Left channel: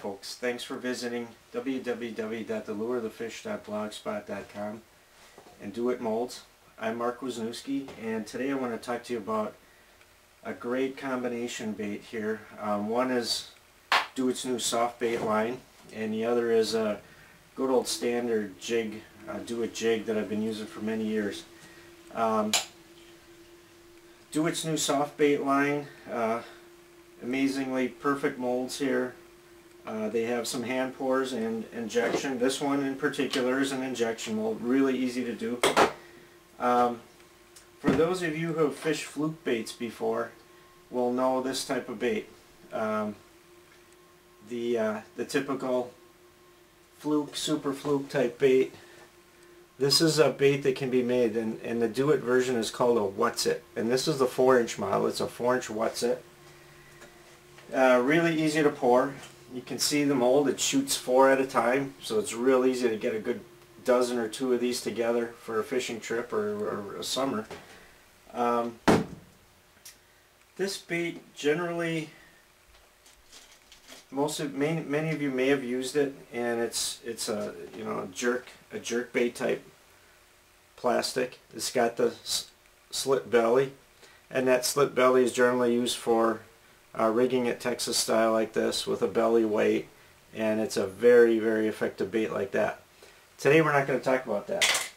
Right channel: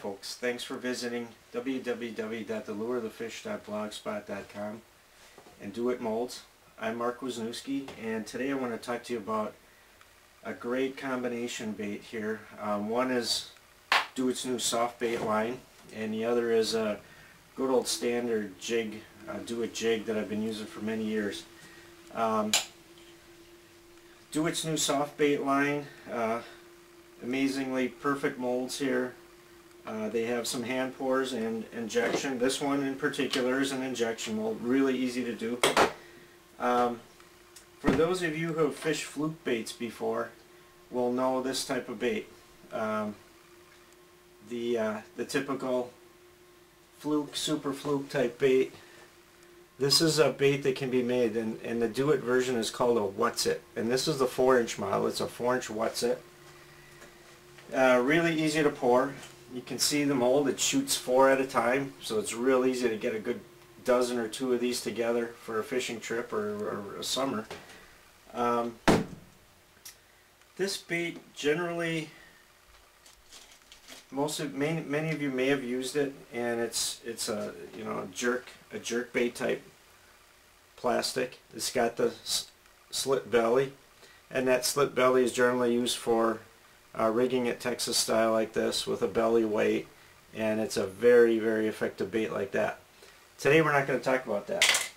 folks, thanks for visiting www.thelureofthefish.blogspot.com and Do It Molds. I'm Mark Wisniewski, and today I want to talk to you about a great combination bait here. One is Do It's new soft bait line, and the other is a good old standard jig, Do It jig that I've been using for many years. Do It's new soft bait line, amazingly perfect molds here. They have some hand pours and injection. This one in particular is an injection mold, really easy to do. For those of you who have fished fluke baits before will know this type of bait. The typical fluke, super fluke type bait. This is a bait that can be made, and the Do It version is called a Wutz-It, and this is the 4-inch model. It's a 4-inch Wutz-It. Really easy to pour. You can see the mold, it shoots 4 at a time, so it's real easy to get a good dozen or two of these together for a fishing trip or a summer. This bait generally, many of you may have used it, and it's a jerk bait type plastic. It's got the slit belly, and that slit belly is generally used for rigging it Texas style like this with a belly weight, and it's a very, very effective bait like that. Today we're not going to talk about that.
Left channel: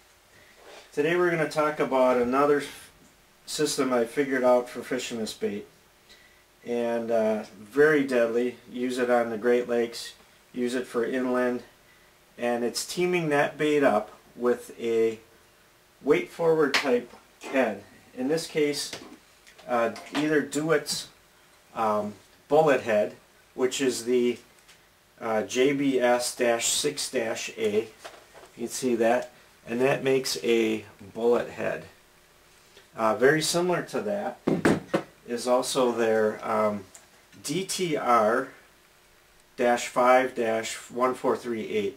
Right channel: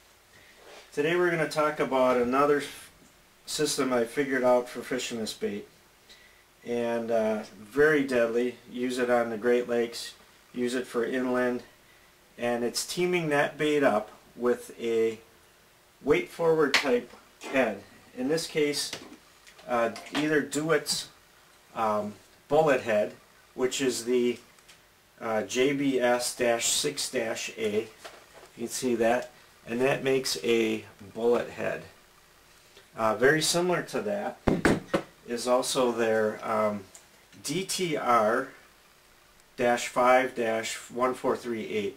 Today we're going to talk about another system I figured out for fishing this bait, and very deadly. Use it on the Great Lakes, use it for inland, and it's teaming that bait up with a weight forward type head. In this case, either Do It's bullet head, which is the JBS-6-A. You can see that, and that makes a bullet head. Very similar to that is also their DTR-5-1438,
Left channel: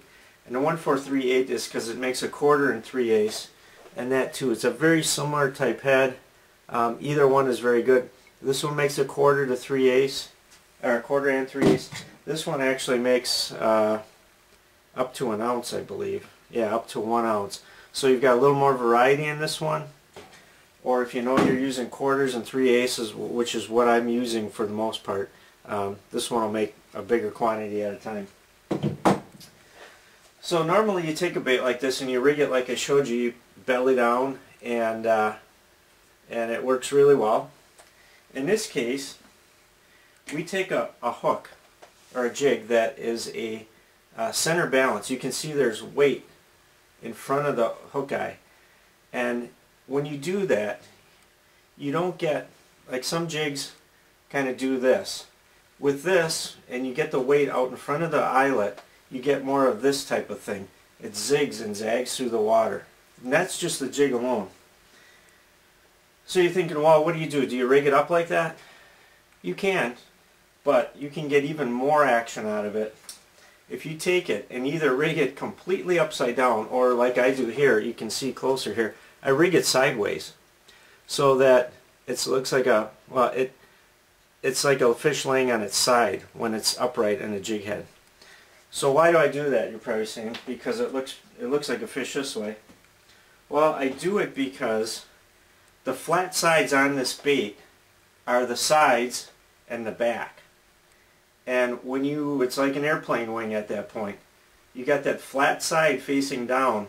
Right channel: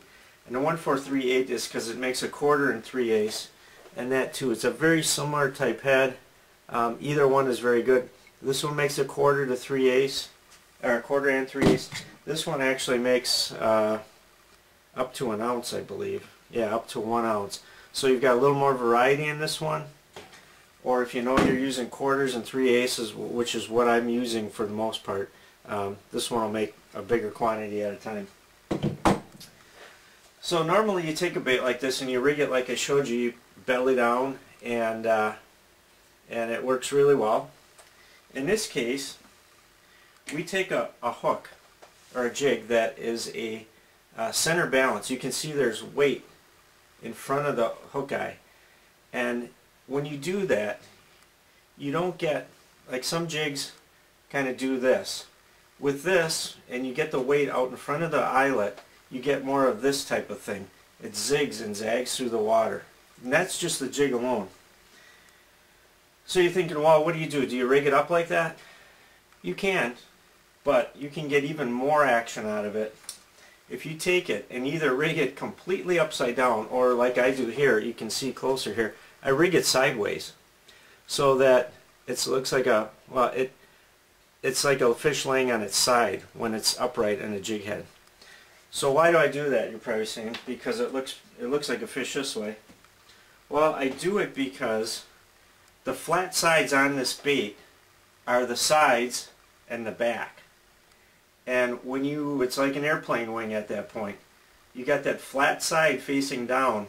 and the 1438 is because it makes a 1/4 3/8, and that too, it's a very similar type head. Either one is very good. This one makes a 1/4 to 3/8, or 1/4 and 3/8. This one actually makes up to 1 ounce, I believe. Yeah, up to 1 ounce. So you've got a little more variety in this one. Or if you know you're using 1/4s and 3/8s, which is what I'm using for the most part, this one will make a bigger quantity at a time. So normally you take a bait like this and you rig it like I showed you, belly down, and it works really well. In this case, we take a hook or a jig that is a center balance. You can see there's weight in front of the hook eye, and when you do that, you don't get, like some jigs kind of do this. With this, and you get the weight out in front of the eyelet, you get more of this type of thing. It zigs and zags through the water, and that's just the jig alone. So you're thinking, well, what do? Do you rig it up like that? You can, but you can get even more action out of it if you take it and either rig it completely upside down, or like I do here, you can see closer here, I rig it sideways so that it looks like a, well, it's like a fish laying on its side when it's upright in a jig head. So why do I do that, you're probably saying? Because it looks like a fish this way. Well, I do it because the flat sides on this bait are the sides and the back. And when it's like an airplane wing at that point. You got that flat side facing down.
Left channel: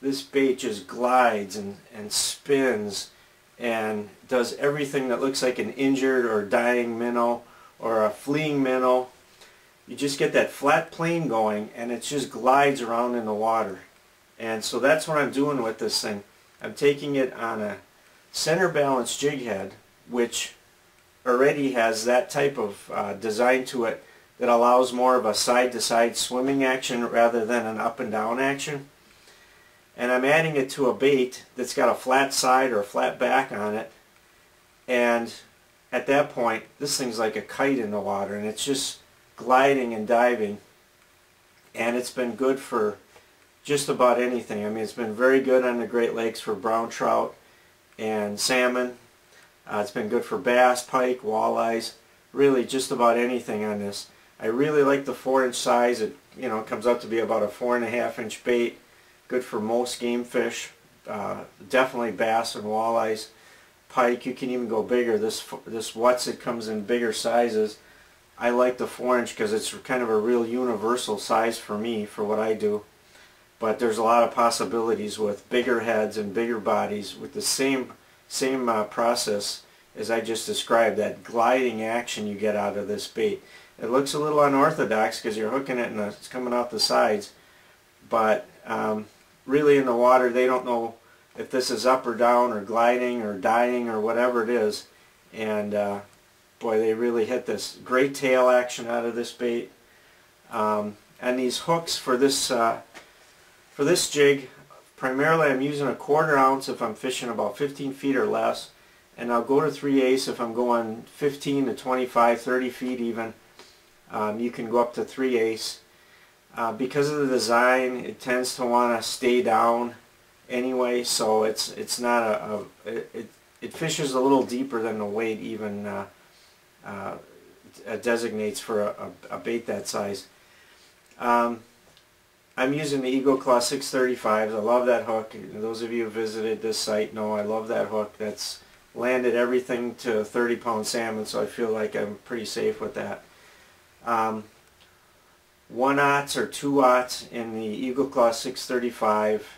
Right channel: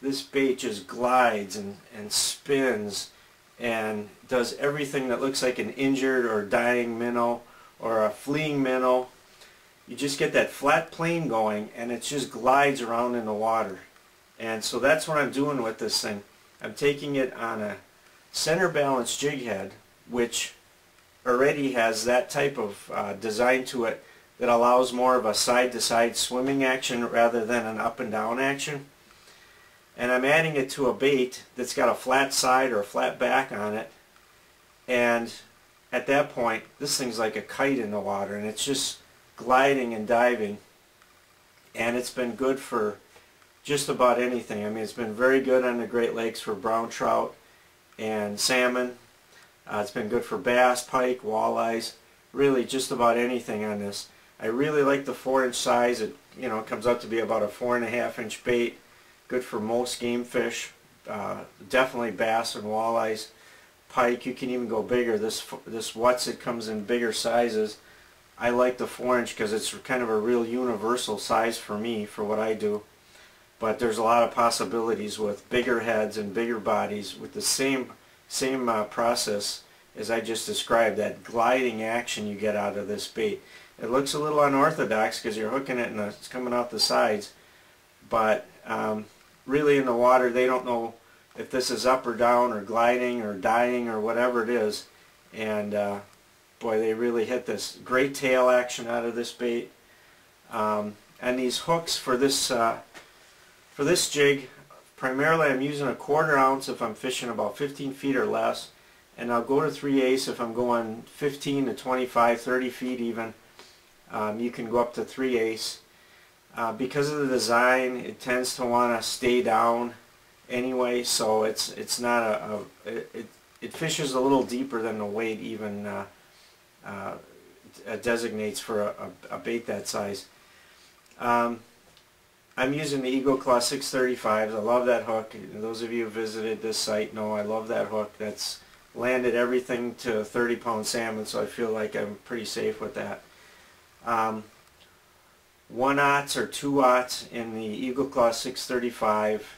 This bait just glides and spins and does everything that looks like an injured or dying minnow or a fleeing minnow. You just get that flat plane going, and it just glides around in the water. And so that's what I'm doing with this thing. I'm taking it on a center balance jig head, which already has that type of design to it that allows more of a side-to-side swimming action rather than an up and down action. And I'm adding it to a bait that's got a flat side or a flat back on it, and at that point this thing's like a kite in the water, and it's just gliding and diving, and it's been good for just about anything. I mean, it's been very good on the Great Lakes for brown trout and salmon. It's been good for bass, pike, walleyes, really just about anything on this. I really like the 4-inch size. It comes out to be about a 4.5-inch bait. Good for most game fish. Definitely bass and walleyes. Pike, you can even go bigger. This Wutz-It comes in bigger sizes. I like the 4-inch because it's kind of a real universal size for me, for what I do. But there's a lot of possibilities with bigger heads and bigger bodies with the same process as I just described, that gliding action you get out of this bait. It looks a little unorthodox because you're hooking it and it's coming out the sides, but really in the water they don't know if this is up or down or gliding or dying or whatever it is, and boy, they really hit this. Great tail action out of this bait. And these hooks for this jig, primarily I'm using a 1/4 ounce if I'm fishing about 15 feet or less, and I'll go to 3/8 if I'm going 15 to 25, 30 feet even. You can go up to 3/8. Because of the design, it tends to want to stay down anyway, so it's not it fishes a little deeper than the weight even designates for a bait that size. I'm using the Eagle Claw 635s. I love that hook. Those of you who visited this site know I love that hook. That's landed everything to 30-pound salmon, so I feel like I'm pretty safe with that. 1/0 or 2/0 in the Eagle Claw 635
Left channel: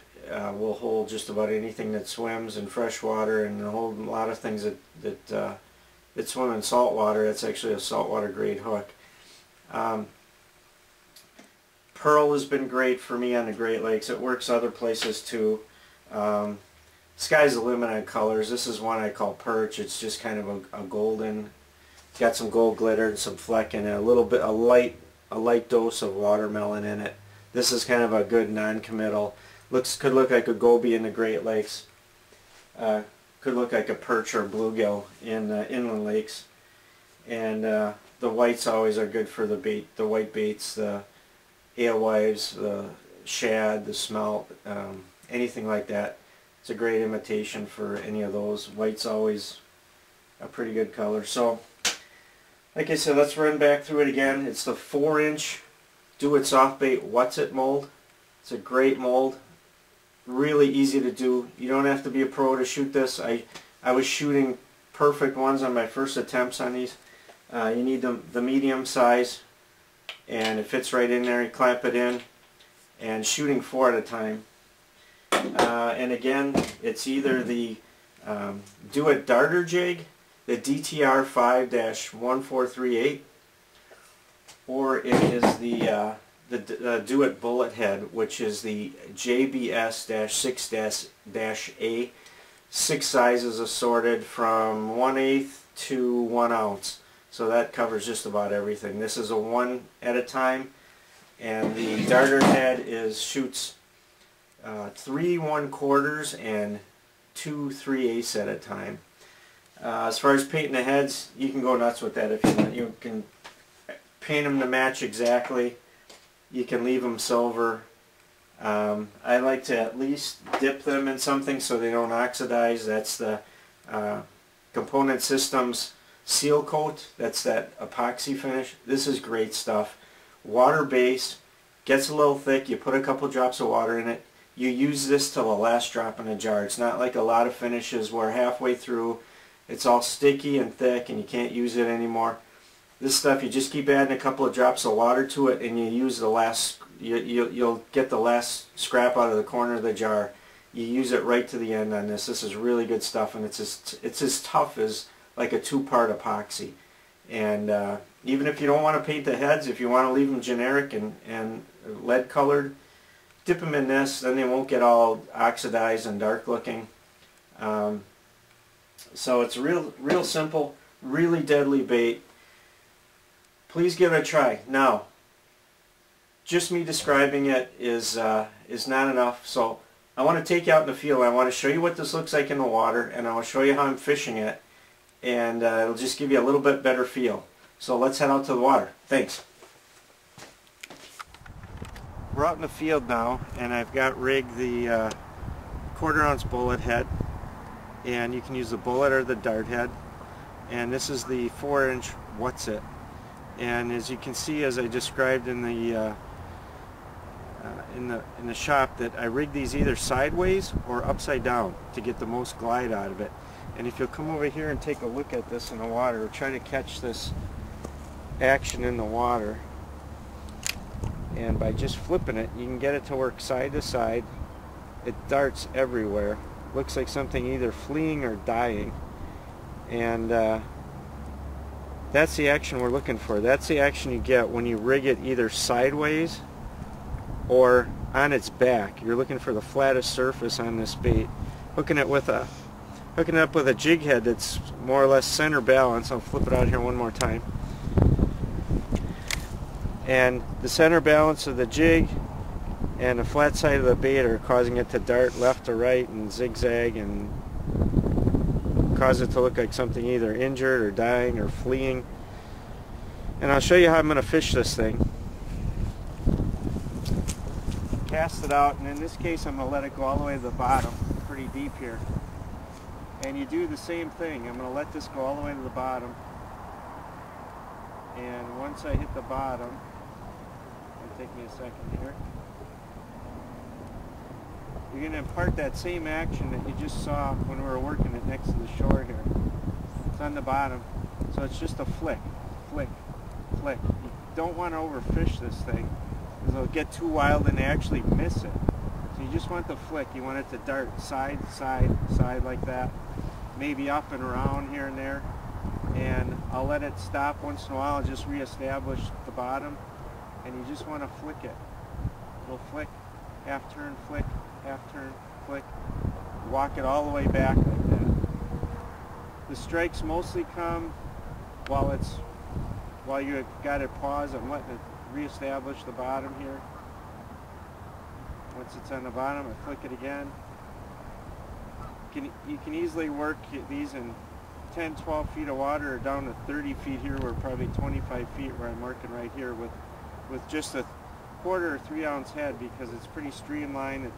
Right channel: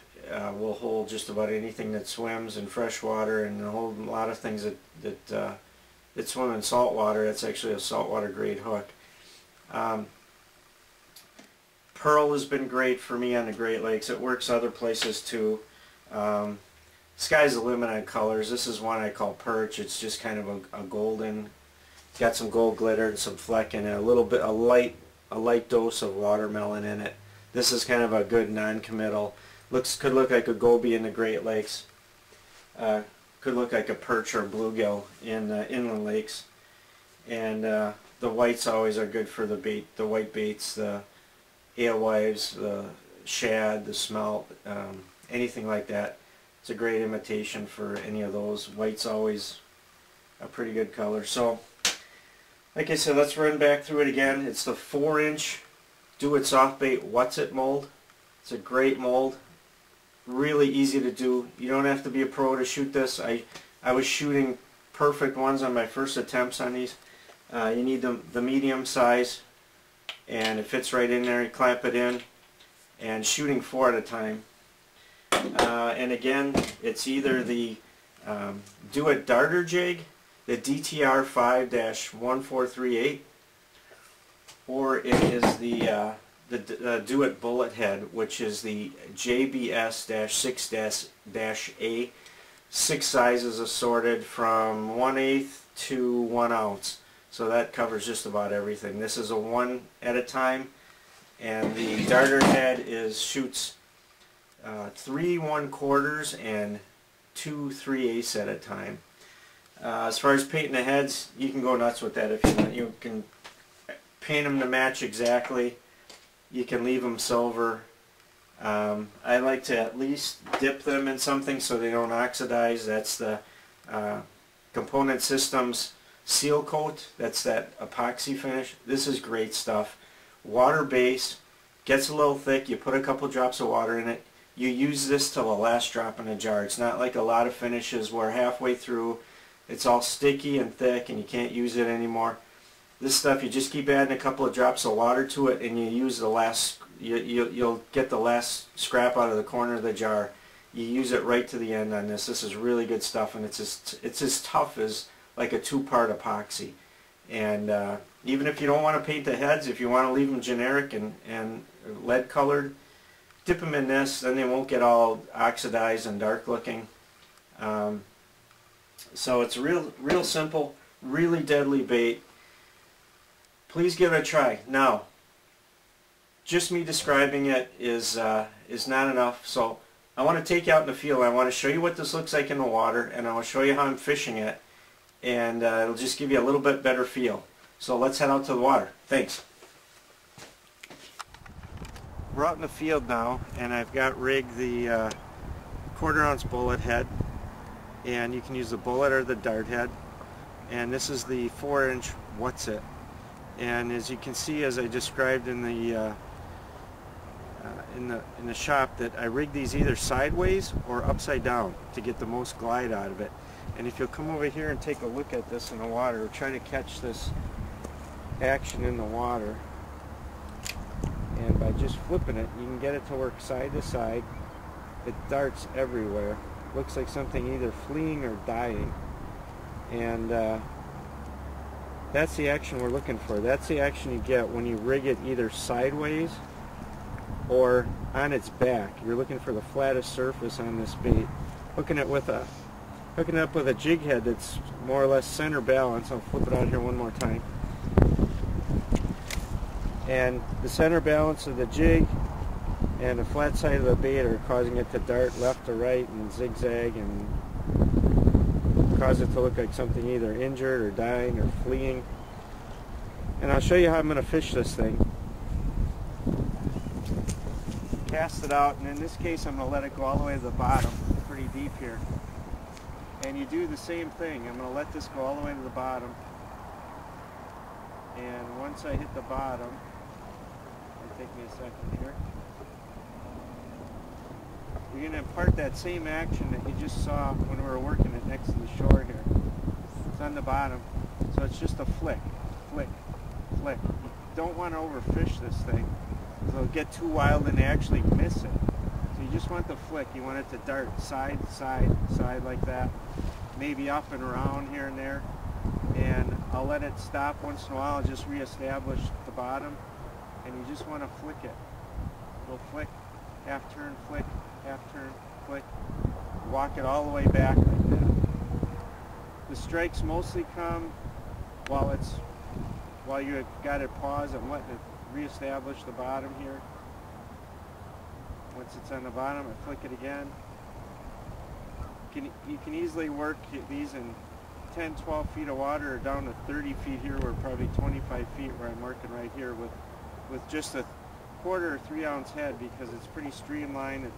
will hold just about anything that swims in fresh water, and a whole lot of things that swim in salt water. It's actually a saltwater grade hook. Pearl has been great for me on the Great Lakes. It works other places too. Sky's the limit on colors. This is one I call perch. It's just kind of a golden. It's got some gold glitter and some fleck in it. A light dose of watermelon in it. This is kind of a good non-committal. Could look like a goby in the Great Lakes. Could look like a perch or bluegill in inland lakes. And the whites always are good for the bait. The white baits, the alewives, the shad, the smelt, anything like that. It's a great imitation for any of those. White's always a pretty good color. So, like I said, let's run back through it again. It's the 4-inch Do-It Soft Bait Wutz-It mold. It's a great mold. Really easy to do. You don't have to be a pro to shoot this. I was shooting perfect ones on my first attempts on these. You need the medium size, and it fits right in there. You clamp it in, and shooting 4 at a time. And again, it's either the Do-It Darter jig, the DTR 5-1438, or it is the Do-It Bullet Head, which is the JBS-6-A. 6 sizes assorted from 1/8 to 1 ounce. So that covers just about everything. This is a 1 at a time, and the darter head shoots 3 1/4 and 2 3/8 at a time. As far as painting the heads, you can go nuts with that if you want. You can paint them to match exactly. You can leave them silver. I like to at least dip them in something so they don't oxidize. That's the Component Systems Seal Coat. That's that epoxy finish. This is great stuff. Water base, gets a little thick. You put a couple drops of water in it. You use this till the last drop in the jar. It's not like a lot of finishes where halfway through it's all sticky and thick and you can't use it anymore. This stuff, you just keep adding a couple of drops of water to it, and you use the last, you'll get the last scrap out of the corner of the jar. You use it right to the end on this. This is really good stuff, and it's as tough as like a 2-part epoxy. And even if you don't want to paint the heads, if you want to leave them generic and lead colored, dip them in this, then they won't get all oxidized and dark looking. So it's real simple, really deadly bait. Please give it a try. Now, just me describing it is not enough, so I want to take you out in the field. I want to show you what this looks like in the water, and I will show you how I'm fishing it, and it'll just give you a little bit better feel. So let's head out to the water. Thanks. We're out in the field now, and I've got rigged the 1/4 ounce bullet head, and you can use the bullet or the dart head, and this is the 4-inch Wutz-It. And as you can see, as I described in the shop, that I rig these either sideways or upside down to get the most glide out of it. And if you'll come over here and take a look at this in the water, try to catch this action in the water, and by just flipping it, you can get it to work side to side. It darts everywhere. Looks like something either fleeing or dying, and that's the action we're looking for. That's the action you get when you rig it either sideways or on its back. You're looking for the flattest surface on this bait. Hooking it up with a jig head that's more or less center balance. I'll flip it out here one more time. And the center balance of the jig and the flat side of the bait are causing it to dart left to right and zigzag and cause it to look like something either injured or dying or fleeing. And I'll show you how I'm going to fish this thing. Cast it out, and in this case I'm going to let it go all the way to the bottom, pretty deep here. And you do the same thing. I'm going to let this go all the way to the bottom, and once I hit the bottom, it'll take me a second here, you're going to impart that same action that you just saw when we were working it next to the shore here. It's on the bottom, so it's just a flick, flick, flick. You don't want to overfish this thing, because it'll get too wild and actually miss it. So you just want the flick. You want it to dart side, side, side like that, maybe up and around here and there. And I'll let it stop once in a while. I'll just reestablish the bottom, and you just want to flick it. Little flick, half turn, flick, half turn, flick. Walk it all the way back like that. The strikes mostly come while you've got it paused. I'm letting it reestablish the bottom here. Once it's on the bottom, I flick it again. You can easily work these in 10, 12 feet of water, or down to 30 feet here, or probably 25 feet where I'm working right here with just a 1/4 or 3 ounce head, because it's pretty streamlined. It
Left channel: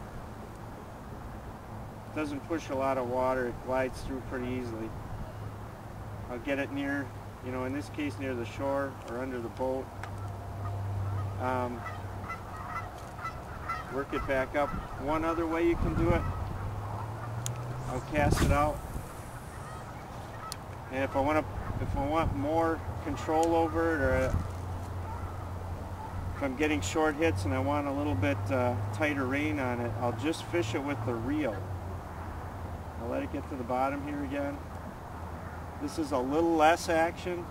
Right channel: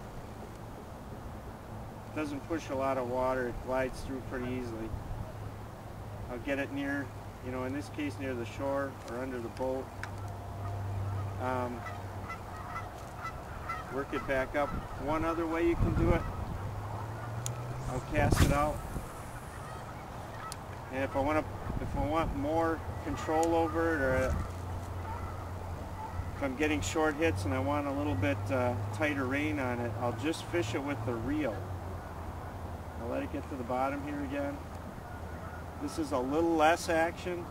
doesn't push a lot of water. It glides through pretty easily. I'll get it near, in this case near the shore or under the boat. Work it back up. One other way you can do it, I'll cast it out, and if I want more control over it, or if I'm getting short hits and I want a little bit tighter rein on it, I'll just fish it with the reel. I'll let it get to the bottom here again. This is a little less action,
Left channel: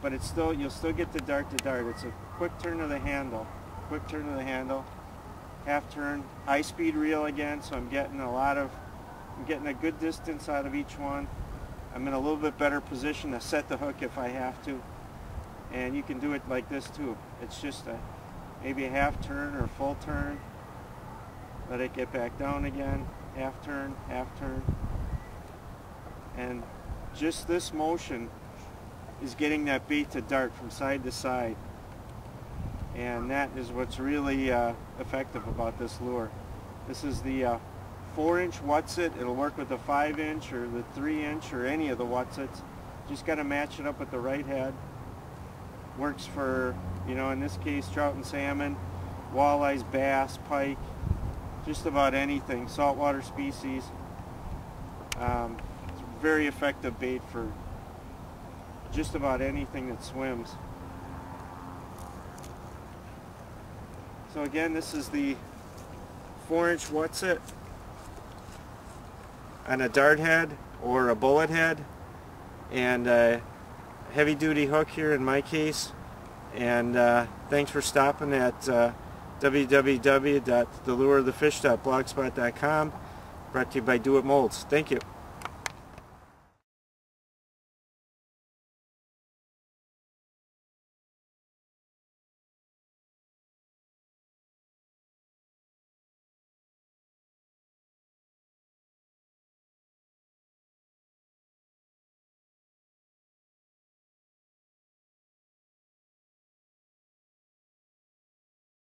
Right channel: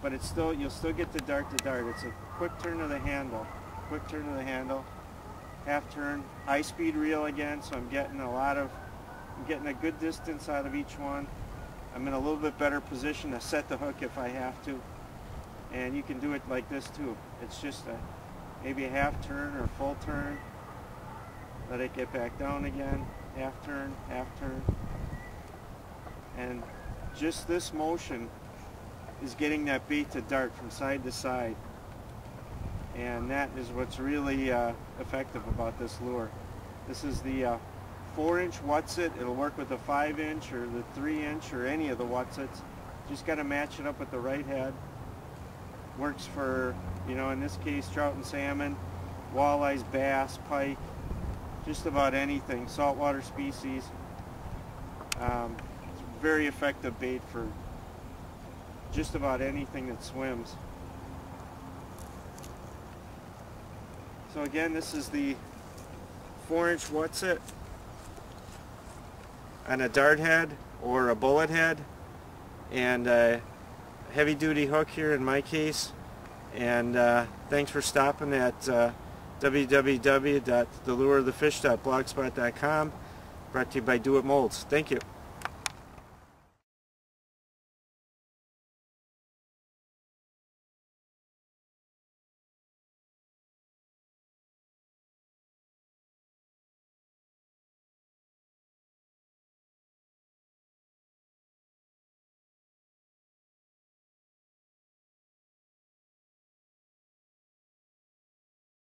but you'll still get the dart to dart. It's a quick turn of the handle, half turn, high speed reel again, so I'm getting a good distance out of each one. I'm in a little bit better position to set the hook if I have to, and you can do it like this too. It's just maybe a half turn or full turn, let it get back down again, half turn, and just this motion is getting that bait to dart from side to side, and that is what's really effective about this lure. This is the 4-inch Wutz-It. It'll work with the 5-inch or the 3-inch or any of the Wutz-Its. Just got to match it up with the right head. Works for, in this case, trout and salmon, walleyes, bass, pike, just about anything, saltwater species. It's a very effective bait for just about anything that swims. So again, this is the 4-inch Wutz-It on a dart head or a bullet head, and a heavy duty hook here in my case. And thanks for stopping at www.thelureofthefish.blogspot.com. Brought to you by Do It Molds. Thank you.